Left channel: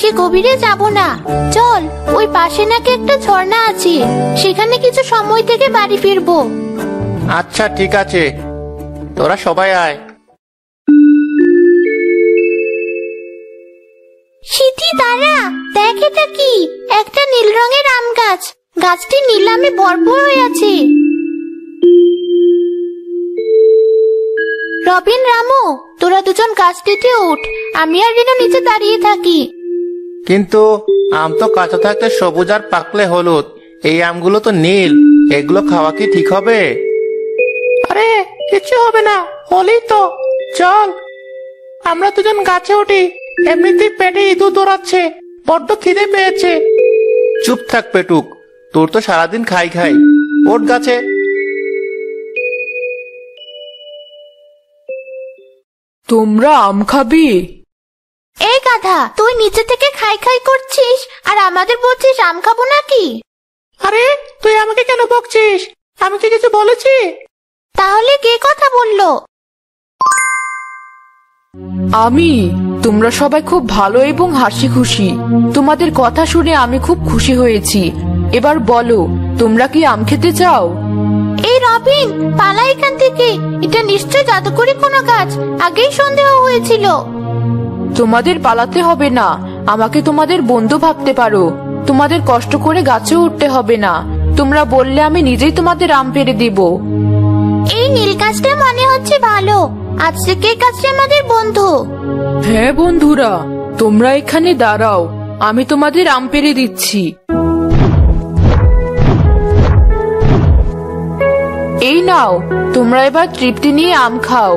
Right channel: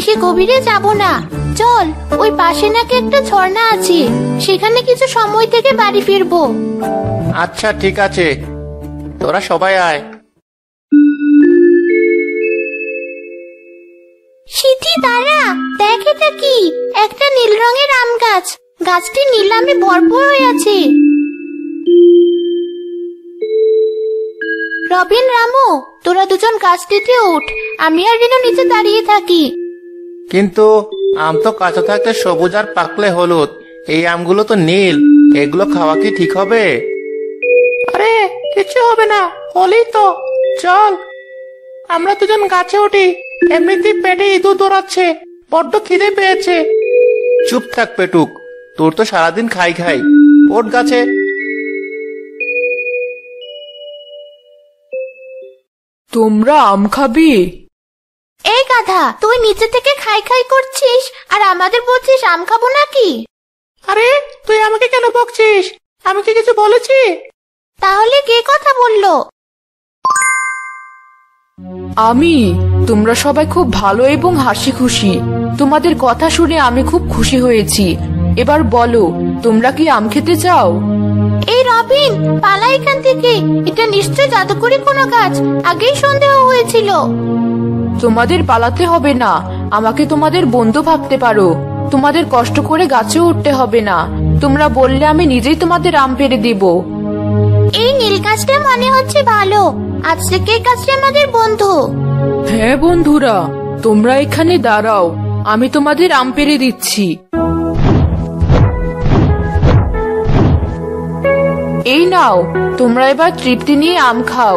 বেশি গভীরে যাব না। চল, ওই পাশে নাকি একটা ঝর্ণা আছে, সেখানে কিছু সময় থেকে বাড়ি ফিরবো। আচ্ছা ঠিক আছে, তোরা সবাই আয়। সিথি দাঁড়া, দেখ এটা কি? একটা নীল রঙের আম গাছ। গাছটি নীল আমে ভরপুর হয়ে আছে। রবিন, রামু, তোরা দুজন গাছটিতে উঠ, আমি আর রিনা নিচে দাঁড়িয়ে থাকি। কিন্তু আম তো কাঁচা থাকতে সবুজ আর পাকলে হলুদ, এই আমগুলো তো নীল, এগুলো খাওয়া কি ঠিক হবে? আরে কিছু হবে না, হলেই তো। চল আমরা দুজন গাছে উঠি, এমনিতেই পেটে ইঁদুর দৌড়াচ্ছে, বড্ড খিদে পেয়েছে। চুপ থাক পেটুক, তোর তো সারাদিন খাই খাই। ওঠ গাছে। তোমরা আম খাবি? এই গাধা, তুই নিচে থেকে খাই খাই করছিস আর আমাদের বলছিস আম খাবো নাকি? আরে তুই আমাকে কেন বকছিস? আমি কি কিছু বলেছি? তাহলে কে কথা বললো? আমি। তোমরা সবাই খুব ভালো এবং হাসি খুশি। তোমাদের কথা শুনে আমি খুব খুশি হয়েছি। এবার বলো, তোমরা কি আম খেতে চাও? এই রবিন, পালা এখান থেকে। এটা নিশ্চয়ই জাদুকরি কোনো গাছ, আগেই সন্দেহ হয়েছিল। তোমাদের পালাতে হবে না, আমাকে তোমাদের বন্ধু ভাবতে পারো। তোমাদের কষ্ট করে গাছে উঠতে হবে না। তোমরা বললে আমি নিজেই তোমাদের আম পেড়ে দেব। এই নীল গাছটা মনে হচ্ছে ভালো, আজ থেকে এই গাছটা আমাদের বন্ধু। হ্যাঁ বন্ধুরা, তোমরা এখানে দাঁড়াও, আমি তোমাদের আম পেড়ে দিচ্ছি। এই নাও, তোমরা এবার তৃপ্তি নিয়ে আম খাও।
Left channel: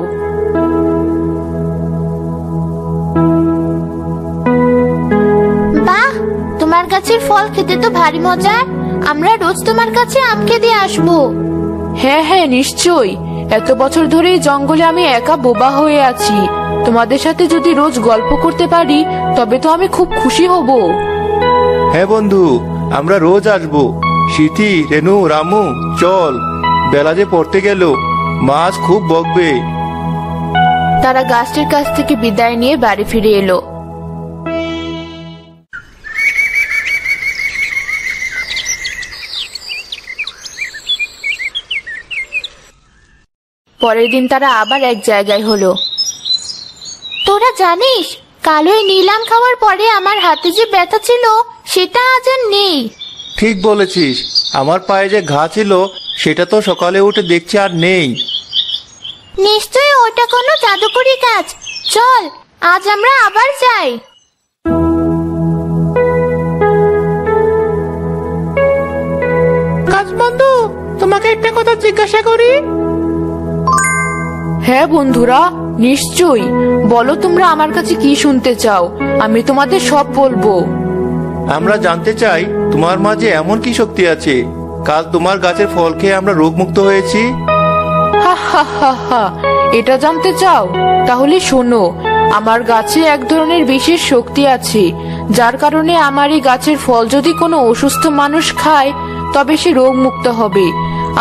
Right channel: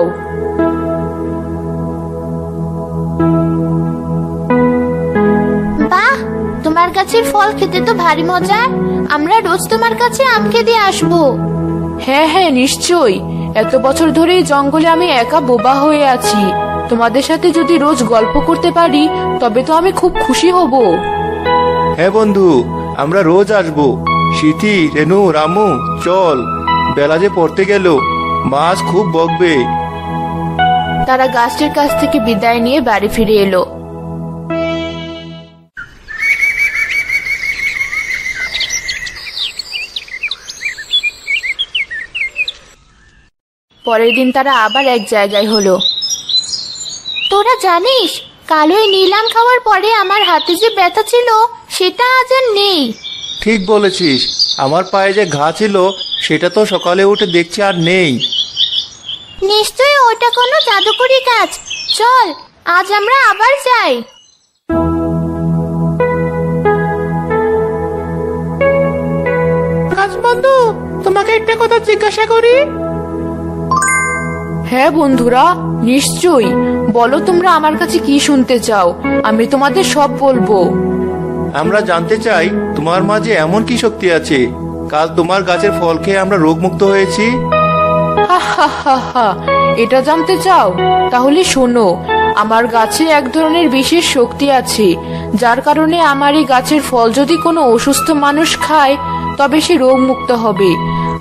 বাহ, তোমার কাছে ফল খেতে তো ভারী মজা। আমরা রোজ তোমার কাছে আম খেতে আসবো। হ্যাঁ হ্যাঁ, নিশ্চয়ই। এত বছর ধরে এই জঙ্গলে আমি একা বোবা হয়ে আছি। তোমাদের সাথে যদি রোজ গল্প করতে পারি তবে তো আমি খুব খুশি হব। হ্যাঁ বন্ধু, আমরা রোজ আসবো। সিথি, রেনু, রামু, চল, বেলা যে পড়তে গেল, মাছ খুব বকবে। তারা গাছের কাছ থেকে বিদায় নিয়ে বাড়ি ফিরে এলো। পরের দিন তারা আবার এক জায়গায় হলো। তোরা জানিস, কাল ওই নীল আম খাওয়ার পরে আমার হাতে যে ব্যথা ছিল সেটা আজ আর নেই। ঠিক বলেছিস, আমার পায়ে যে ঘা ছিল সেটা তো সকালে উঠে দেখছি আর নেই। নিশ্চয়ই ওটা কোনো জাদুকরি গাছ। চল, আজ আমরা আবার যাই। গাছ বন্ধু, তোমাকে একটা কথা জিজ্ঞাসা করি? হ্যাঁ বন্ধুরা, নিশ্চয়ই। বলো তোমরা আমার কাছে কি শুনতে চাও, আমি তোমাদের সব বলবো। আমরা জানতে চাই তোমার মাঝে এমন কি শক্তি আছে, কাল তোমার গাছের ফল খেয়ে আমরা রোগমুক্ত হয়েছি। হা হা হা হা, এটা জানতে চাও? তাহলে শোনো, আমার গাছে এক ধরনের বিশেষ শক্তি আছে, যার কারণে আমার এই গাছের ফল যদি কোনো অসুস্থ মানুষ খায় তবে সে রোগ মুক্ত হবে।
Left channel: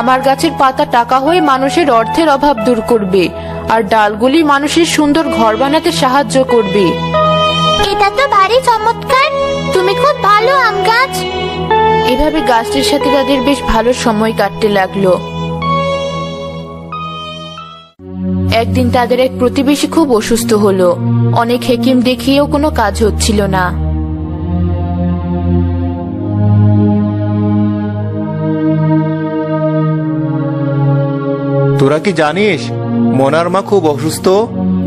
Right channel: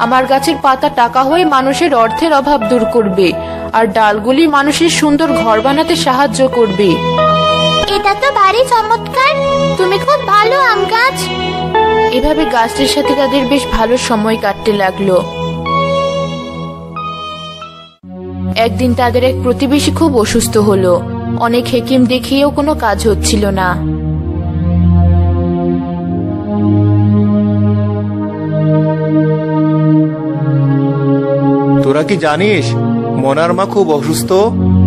আমার গাছের পাতা টাকা হয়ে মানুষের অর্থের অভাব দূর করবে, আর ডালগুলি মানুষের সুন্দর ঘর বানাতে সাহায্য করবে। এটা তো ভারী চমৎকার, তুমি খুব ভালো আম গাছ। এভাবে গাছের সাথে তাদের বেশ ভালো সময় কাটতে লাগলো। একদিন তাদের এক প্রতিবেশী খুব অসুস্থ হলো। অনেক হেকিম দেখিয়েও কোনো কাজ হচ্ছিল না। তোরা কি জানিস, মোনার মা খুব অসুস্থ,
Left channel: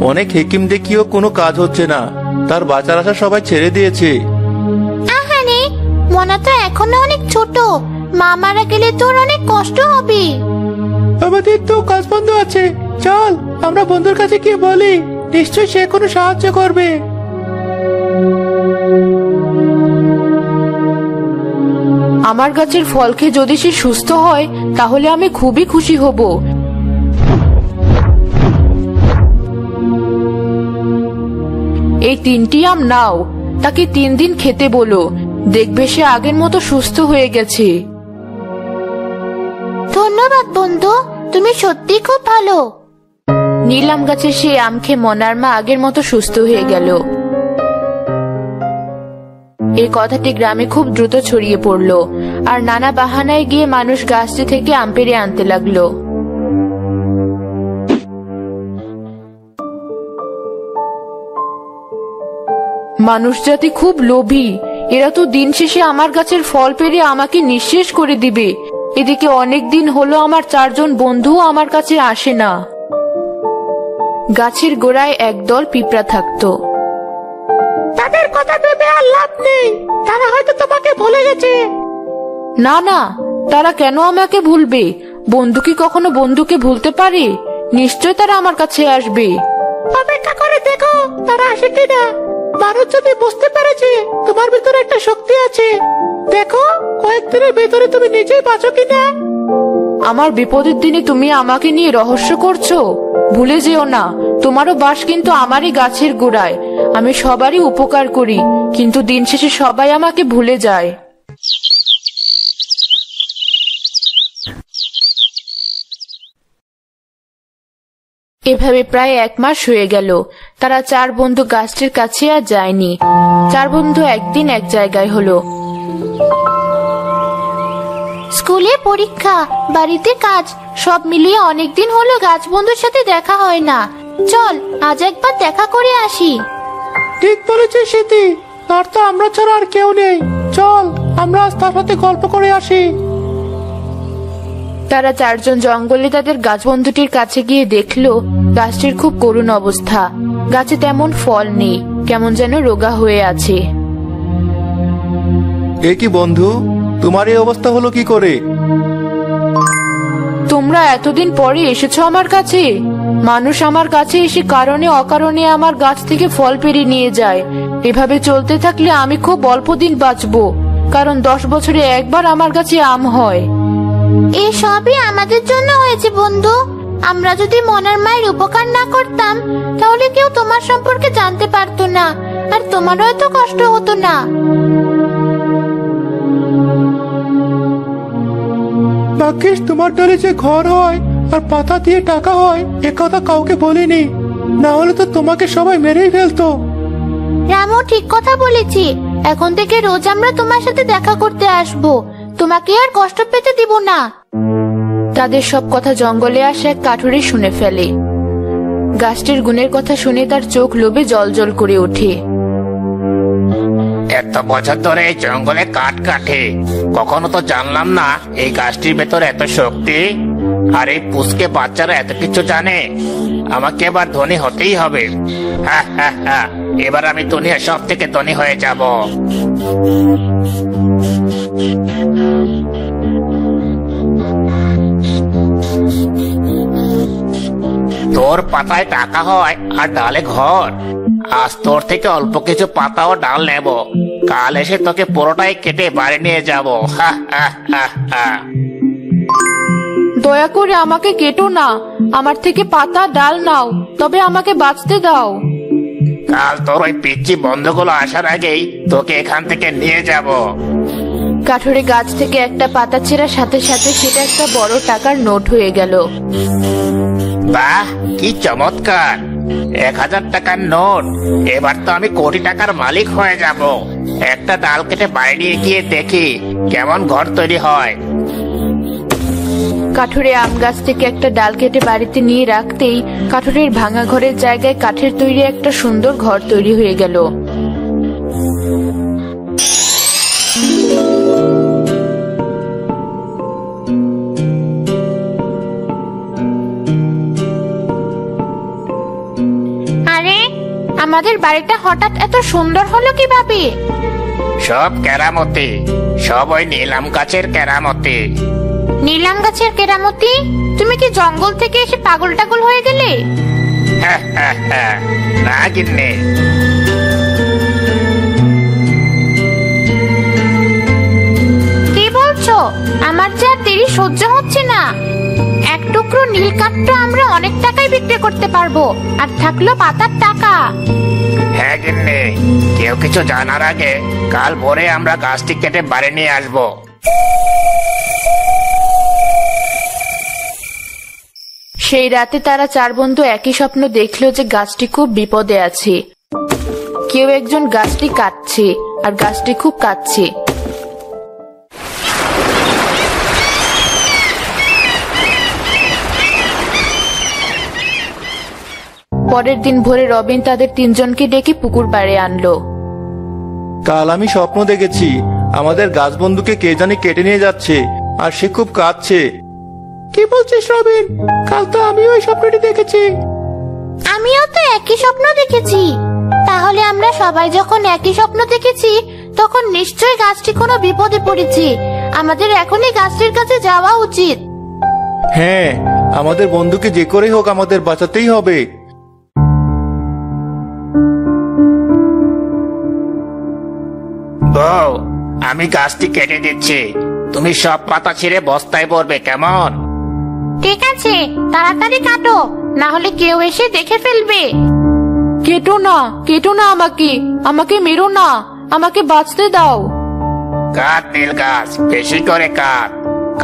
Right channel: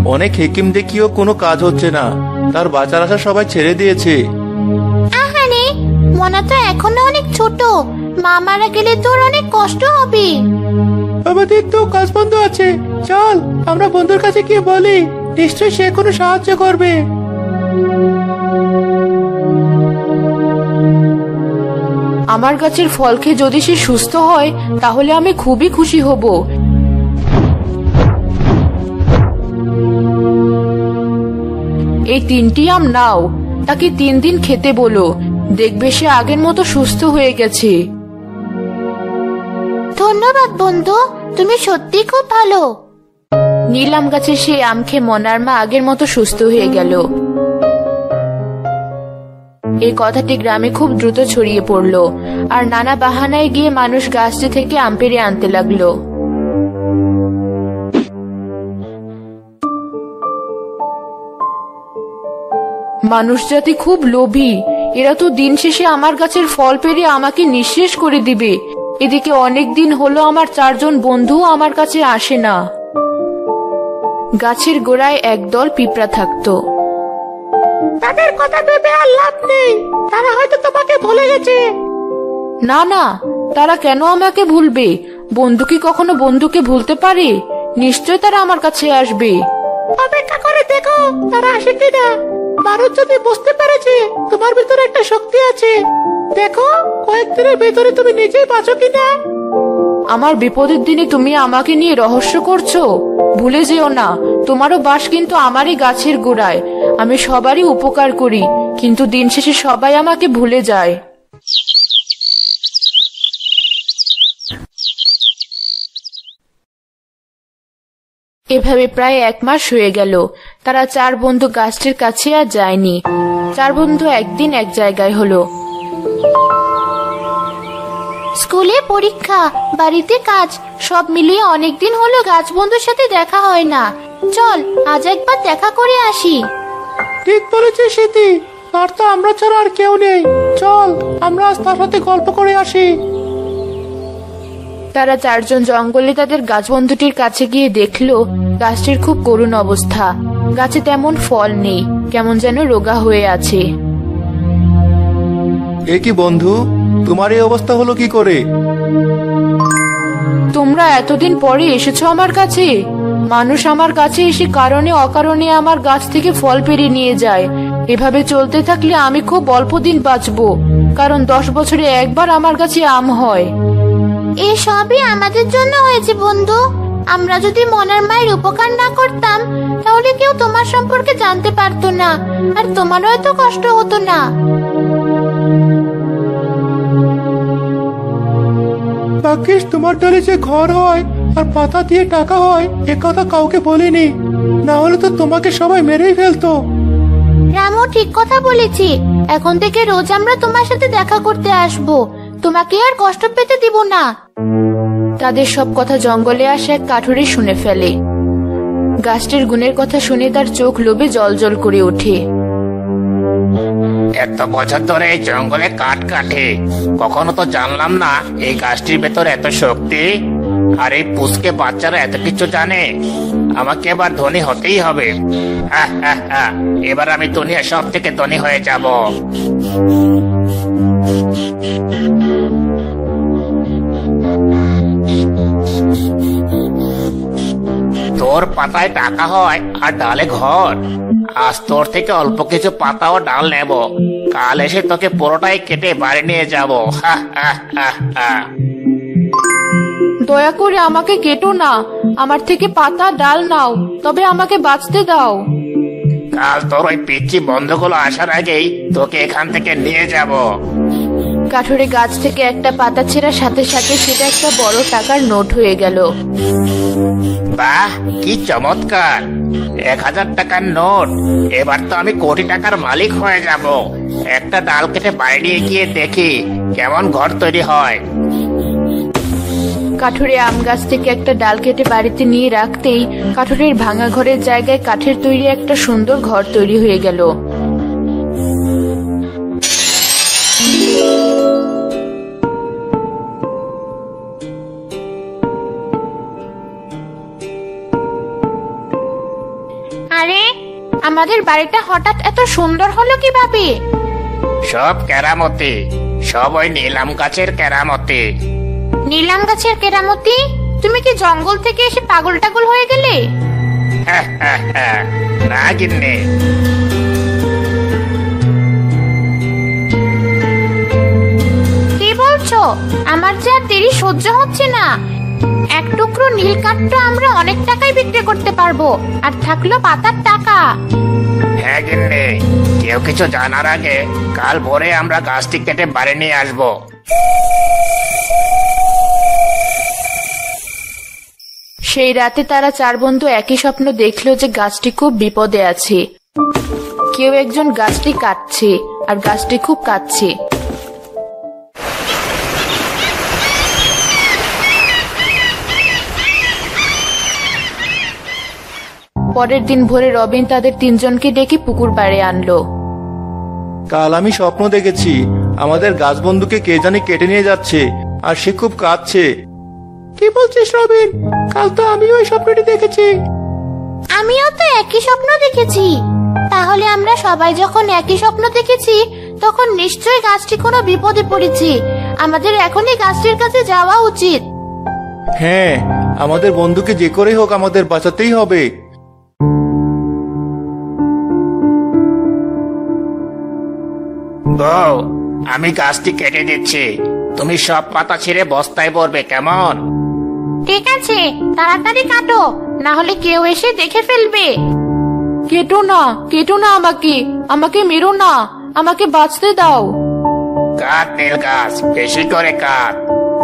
অনেক হেকিম দেখিয়েও কোনো কাজ হচ্ছে না, তার বাচ্চারা সবাই ছেড়ে দিয়েছে। আহারে, মনা তো এখনো অনেক ছোট, মা মারা গেলে তো ওর অনেক কষ্ট হবে। আমাদের তো কাজ বন্ধ আছে, চল আমরা বন্ধুর কাছে গিয়ে বলি, নিশ্চয়ই সে কোনো সাহায্য করবে। আমার গাছের ফল খেয়ে যদি সে সুস্থ হয় তাহলে আমি খুবই খুশি হব। এই 3টি আম নাও, তাকে 3 দিন খেতে বলো, দেখবে সে আগের মতো সুস্থ হয়ে গেছে। ধন্যবাদ বন্ধু, তুমি সত্যি খুব ভালো। নীল আম গাছের সেই আম খেয়ে মনার মা আগের মতো সুস্থ হয়ে গেল। এই কথাটি গ্রামে খুব দ্রুত ছড়িয়ে পড়লো, আর নানা বাহানায় গিয়ে মানুষ গাছটি থেকে আম পেড়ে আনতে লাগলো। মানুষ জাতি খুব লোভী, এরা তো দিন শেষে আমার গাছের ফল পেড়ে আমাকে নিঃশেষ করে দিবে। এদিকে অনেক দিন হলো আমার 4 জন বন্ধু আমার কাছে আসে না। গাছের গোড়ায় একদল পিঁপড়া থাকতো। তাদের কথা ভেবে আর লাভ নেই, তারা হয়তো তোমাকে ভুলে গেছে। না না, তারা কেন আমাকে ভুলবে? বন্ধু কি কখনো বন্ধুকে ভুলতে পারে? নিশ্চয় তারা আমার কাছে আসবে। অপেক্ষা করে দেখো তারা আসে কিনা। মানুষ যদি বুঝতে পারে যে তোমার ভিতরে একটা শক্তি আছে, দেখো কয়েকদিনের ভেতরে তুমি নিজেই বাঁচো কিনা। আমার বিপদের দিনে তুমি আমাকে নিয়ে রহস্য করছো? ভুলে যেও না, তোমারও বাস কিন্তু আমারই গাছের গোড়ায়। আমি সবারই উপকার করি, কিন্তু দিন শেষে সবাই আমাকে ভুলে যায়। এভাবে প্রায় 1 মাস হয়ে গেল। তারা 4 বন্ধু গাছটির কাছে আর যায়নি। 4 বন্ধু একদিন এক জায়গায় হলো। স্কুলে পরীক্ষা, বাড়িতে কাজ, সব মিলিয়ে অনেকদিন হলো গাছ বন্ধুর সাথে দেখা হয় না। চল আজ একবার দেখা করে আসি। ঠিক বলেছিস স্মৃতি, আর তো আমরা ছাড়া আর কেউ নেই। চল আমরা আজ তার সাথে গল্প করে আসি। তারা 4 জন জঙ্গলে তাদের গাছ বন্ধুটির কাছে গিয়ে দেখলো গাছটির খুব করুণ অবস্থা। গাছে তেমন ফল নেই, কেমন যেন রোগা হয়ে আছে। এ কি বন্ধু, তোমার এই অবস্থা হলো কি করে? তোমরা এতদিন পরে এসেছো আমার কাছে। মানুষ আমার কাছে এসে কারণে অকারণে আমার গাছ থেকে ফল পেড়ে নিয়ে যায়। এভাবে চলতে থাকলে আমি খুব অল্প দিন বাঁচবো, কারণ 10 বছরে একবার আমার কাছে আম হয়। এই সবই আমাদের জন্য হয়েছে বন্ধু। আমরা যদি মনের মায়ের উপকার না করতাম, তাহলে কেউ তোমার সম্পর্কে জানতে পারতো না, আর তোমারও এত কষ্ট হতো না। রাকেশ, তোমার ডালে যে ঘর হয় আর পাতা দিয়ে টাকা হয় এ কথা কাউকে বলিনি, না হলে তো তোমাকে সবাই মেরে ফেলতো। রামু ঠিক কথা বলেছি। এখন থেকে রোজ আমরা তোমার সাথে দেখা করতে আসবো, তোমাকে আর কষ্ট পেতে দিব না। তাদের সব কথা জঙ্গলে আসে এক কাঠুরে শুনে ফেলে। গাছটির গুণের কথা শুনে তার চোখ লোভে জলজল করে ওঠে। এত বছর ধরে এই জঙ্গলে কাঠ কাটে, কখনো তো জানলাম না এই গাছটির ভেতরে এত শক্তি। আর এই পুষকে বাচ্চারা এত কিছু জানে। আমাকে এবার ধনী হতেই হবে। এবার আমি দুনিয়ার সব থেকে ধনী হয়ে যাব। তোর পাতায় টাকা হয় আর ডালে ঘর। আজ তোর থেকে অল্প কিছু পাতা ও ডাল নেব, কাল এসে তোকে পুরোটাই কেটে বাড়ি নিয়ে যাব। দয়া করে আমাকে কেটো না, আমার থেকে পাতা ডাল নাও, তবে আমাকে বাঁচতে দাও। কাল তো ওই পিচ্চি বন্ধুগুলো আসার আগেই তোকে এখান থেকে নিয়ে যাব। কাঠুরে গাছ থেকে একটা পাতা ছেঁড়ার সাথে সাথে সেটা একটা বড় টাকার নোট হয়ে গেল। বাহ, কি চমৎকার! 1000 টাকার নোট। এবার তো আমি কোটি টাকার মালিক হয়ে যাব। একটা ডাল কেটে বাইরে গিয়ে দেখি কেমন ঘর তৈরি হয়। কাঠুরে আম গাছ থেকে একটা ডাল কেটে বাড়িতে নিয়ে রাখতেই কাঠুরের ভাঙা ঘরের জায়গায় কাঠের তৈরি একটা সুন্দর ঘর তৈরি হয়ে গেল। আরে, আমাদের বাড়িটা হঠাৎ এত সুন্দর হলো কিভাবে? সব কেরামতি, সব ওই নীলাম গাছের কেরামতি। নীলাম গাছের কেরামতি? তুমি কি জঙ্গল থেকে এসে পাগল টাগল হয়ে গেলে? না গিন্নি, কি বলছো? আমার যে আর দেরি সহ্য হচ্ছে না। এক টুকরো নীল কাঠটা আমরা অনেক টাকায় বিক্রি করতে পারবো, আর থাকলো পাতার টাকা। হ্যাঁ গিন্নি, কেউ কিছু জানার আগে কাল ভোরে আমরা গাছটি কেটে বাড়ি নিয়ে আসবো। সেই রাতে তারা 4 বন্ধু একই স্বপ্ন দেখলো যে গাছটি খুব বিপদে আছে। কেউ একজন গাছটি কাটছে আর গাছটি খুব কাঁদছে। পরের দিন ভোরে রবিন তাদের তিনজনকে ডেকে পুকুর পাড়ে আনলো। কাল আমি স্বপ্ন দেখেছি আমাদের গাছ বন্ধুকে কে জানি কেটে নিয়ে যাচ্ছে, আর সে খুব কাঁদছে। কি বলছিস রবিন? কাল তো আমিও স্বপ্নটি দেখেছি। আমিও তো একই স্বপ্ন দেখেছি। তাহলে আমরা সবাই যখন একই স্বপ্ন দেখেছি, তখন নিশ্চয়ই গাছটি কোনো বিপদে পড়েছে। আমাদের এখনই গাছটির কাছে যাওয়া উচিত। হ্যাঁ, আমাদের বন্ধুকে যে করে হোক আমাদের বাঁচাতেই হবে। বউ, আমি গাছটি কেটে দিচ্ছি, তুমি সব পাতা ছেড়ে বস্তায় ভরবে, কেমন? ঠিক আছে, তাড়াতাড়ি কাটো, না হলে কেউ এসে দেখে ফেলবে। কেটো না, কেটো না, আমাকে মেরো না, আমাকে বাঁচতে দাও। কাট নীল গাছ, বেশি করে কাট,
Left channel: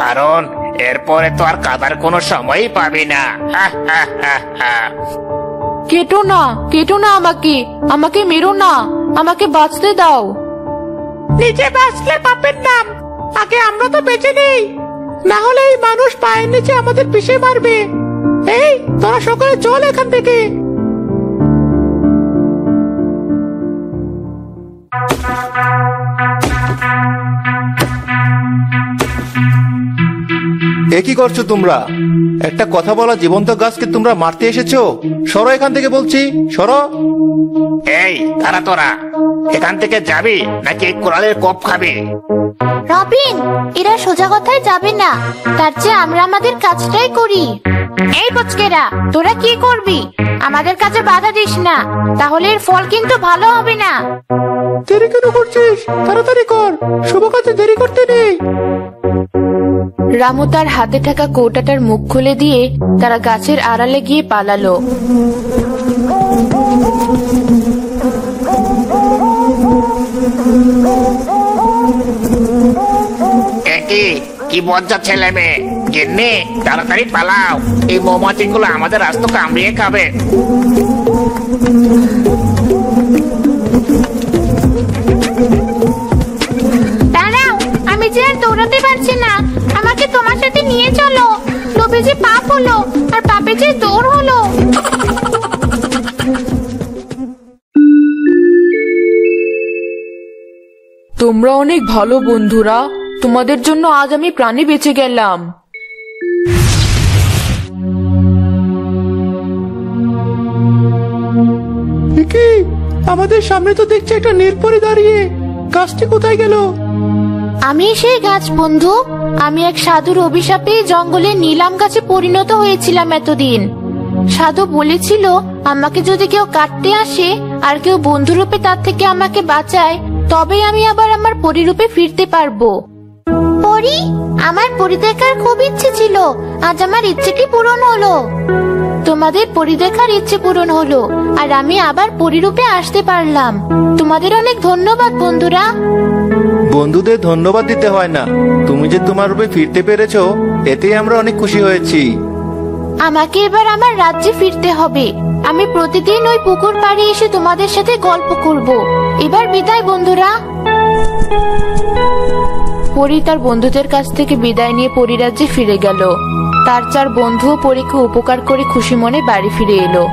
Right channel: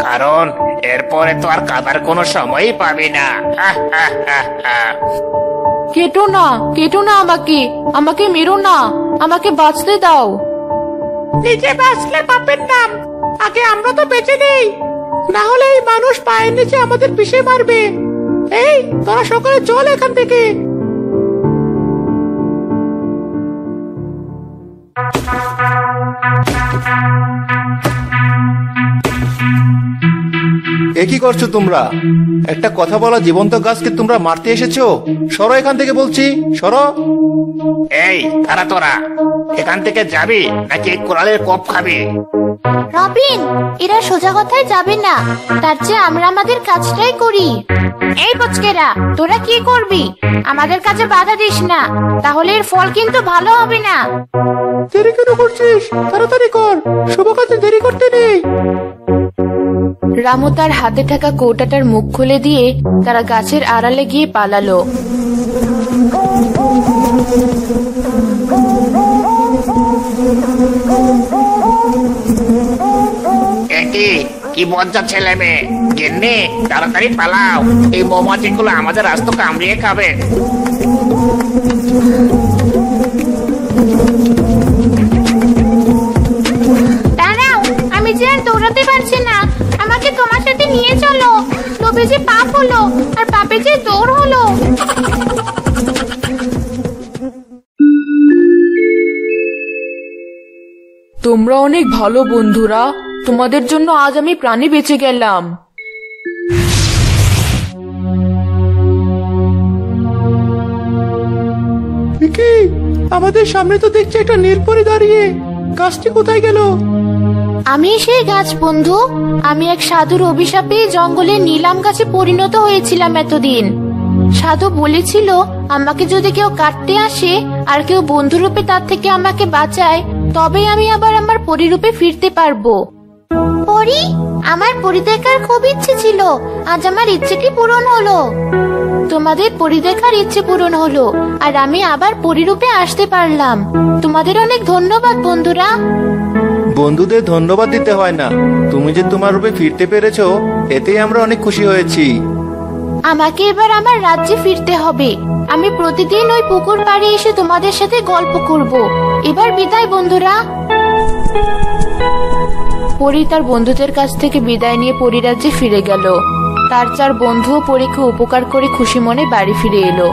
কারণ এরপরে তো আর কাটার কোনো সময়ই পাবি না। কেটো না, কেটো না, আমাকে মেরো না, আমাকে বাঁচতে দাও। নিজে বাঁচলে পাপের নাম, আগে আমরা তো বেঁচে নেই, না হলে এই মানুষ পায়ের নিচে আমাদের পিষে মারবে। এই তোরা সকালে চল এখান থেকে। এ কি করছো তোমরা? একটা কথা বলা জীবন্ত গাছকে তোমরা মারতে এসেছো? সরো এখান থেকে বলছি, সরো। এই দাঁড়া, তোরা এখান থেকে যাবি নাকি কুড়ালের কোপ খাবি? রবিন, এরা সোজা কথায় যাবে না, তার চেয়ে আমরা আমাদের কাজটাই করি। এই বচকেরা, তোরা কি করবি? আমাদের কাজে বাধা দিস না, তাহলে এর ফল কিন্তু ভালো হবে না। দেরি কেন করছিস? তাড়াতাড়ি কর, শুভ কাজে দেরি করতে নেই। রামু তার হাতে থাকা কৌটাটার মুখ খুলে দিয়ে তারা গাছের আড়ালে গিয়ে পালালো। কি মজা ছেলে মেয়ে, গিন্নি তাড়াতাড়ি পালাও, এই বৌমাটিগুলো আমাদের আজ তো কামড়িয়ে খাবে। দাঁড়াও, আমি যে আর দৌড়াতে পারছি না, আমাকে তোমার সাথে নিয়ে চলো। লোভে যে পাপ হলো, আর পাপে যে দৌড় হলো। তোমরা অনেক ভালো বন্ধুরা, তোমাদের জন্য আজ আমি প্রাণে বেঁচে গেলাম। আমাদের সামনে তো দেখছি একটা নীলপরি দাঁড়িয়ে, গাছটি কোথায় গেল? আমি সেই গাছ বন্ধু। আমি এক সাধুর অভিশাপে জঙ্গলে নীলাম গাছে পরিণত হয়েছিলাম এতদিন। সাধু বলেছিল আমাকে যদি কেউ কাটতে আসে আর কেউ বন্ধুরূপে তার থেকে আমাকে বাঁচায়, তবে আমি আবার আমার পরিরূপে ফিরতে পারবো। পরি, আমার পরি দেখার খুব ইচ্ছে ছিল, আজ আমার ইচ্ছেটি পূরণ হলো। তোমাদের পরি দেখার ইচ্ছে পূরণ হলো, আর আমি আবার পরিরূপে আসতে পারলাম। তোমাদের অনেক ধন্যবাদ বন্ধুরা। বন্ধুদের ধন্যবাদ দিতে হয় না, তুমি যে তোমার রূপে ফিরতে পেরেছো এতে আমরা অনেক খুশি হয়েছি। আমাকে এবার আমার রাজ্যে ফিরতে হবে। আমি প্রতিদিন ওই পুকুর পাড়ে এসে তোমাদের সাথে গল্প করব। এবার বিদায় বন্ধুরা। পরি তার বন্ধুদের কাছ থেকে বিদায় নিয়ে পরিরাজ্যে ফিরে গেল। তার চার বন্ধু পরীকে উপকার করে খুশি মনে বাড়ি ফিরে এলো।